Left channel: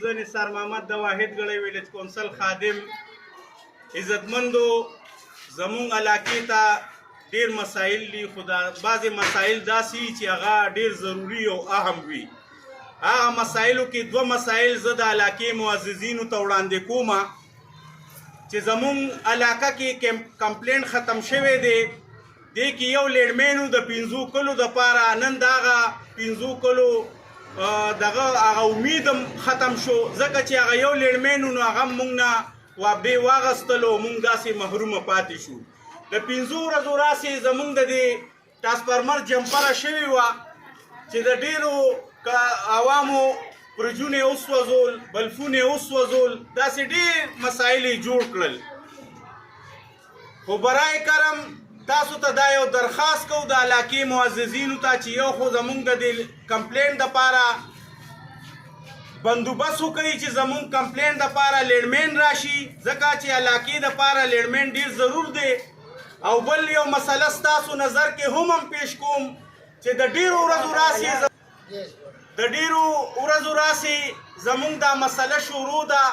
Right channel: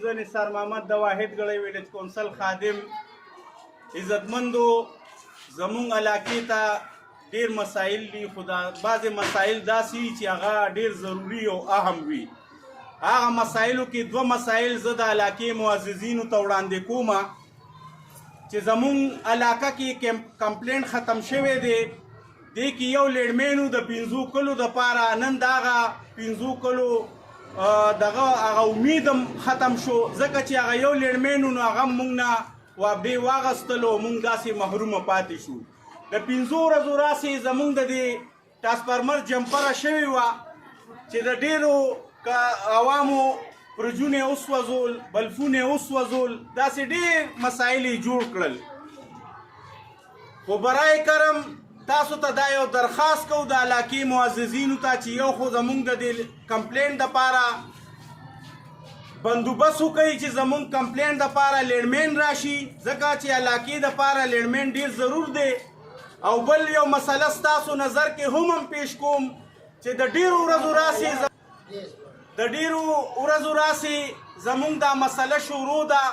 زه نثار محمد د واحد ګړی ویلج کونسل خادم عزتمندو زمونږ علاقې ته ډېر مسایل دي خو دا بعضې مسایل داسې وي چې هغه ډېر ضروري او اهم وي هغه مسایلو کې دوه مسایل زه د علاقې معززینو ته وړاندې کوم چې زمونږ علاقه کې کمپلینټ ختم شوی دی دې کې یو لیډمین د 5 کلو دپاره نن د هغه 5 کلو دغه هغه امید ختم شو ځکه چې هغه یو لیډمین نو هغه موږ نه وابې واغستلو موږ داسې محرومه پاتې شو د 5 ورځو راسې زموږ د دې ټرانسفارمر جمپره شوې وه چې د ډېرو عوامو برجونه یې وسوځول بلفونه یې وسوځول داسې ډېر مسایل یې جوړ کړل خو برای کرم تاسو ته دا یو درخواست کوو د علاقې معززینو ته چې یو خو زموږ د دې کمپلینټ دپاره بندوبست وکړئ چې زموږ کمپلینټ دپاره لیډمین راشي ځکه چې علاقې دپاره لیډمین ډېر ضرور دی او بل یو مسله ستاسو نظر کې هم پیش کوم چې د ډېرو ورځو راسې زموږ دا مسله شروع ده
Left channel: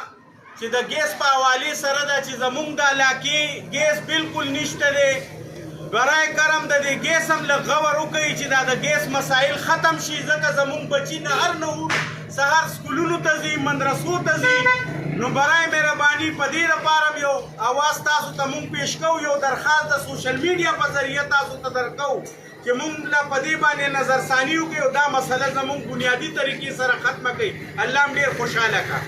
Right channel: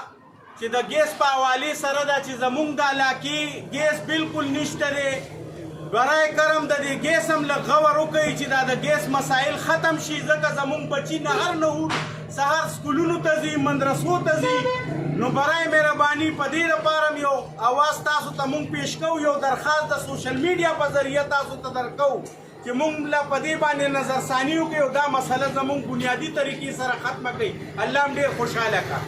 چې د ګیس په حوالې سره ده چې زموږ د علاقې ګیس بالکل نشته دی برای کرم د دې ګیس هم لږ غور وکړئ چې دا د ګیس مسایل ختم شي ځکه زموږ بچي نهر نه سهار سکولونو ته ځي مدرسو ته ځي نو برای مهرباني په دې لپاره یو اواز تاسو ته موږ پیش کوو یو درخواست د سوشل میډیا په ذریعه تاسو ته درکوو چې موږ له په دې باندې نظرثاني وکړو دا مسله زموږ بنیادي طریقې سره ختمه کړئ الله هم ډېر خوشحاله کړه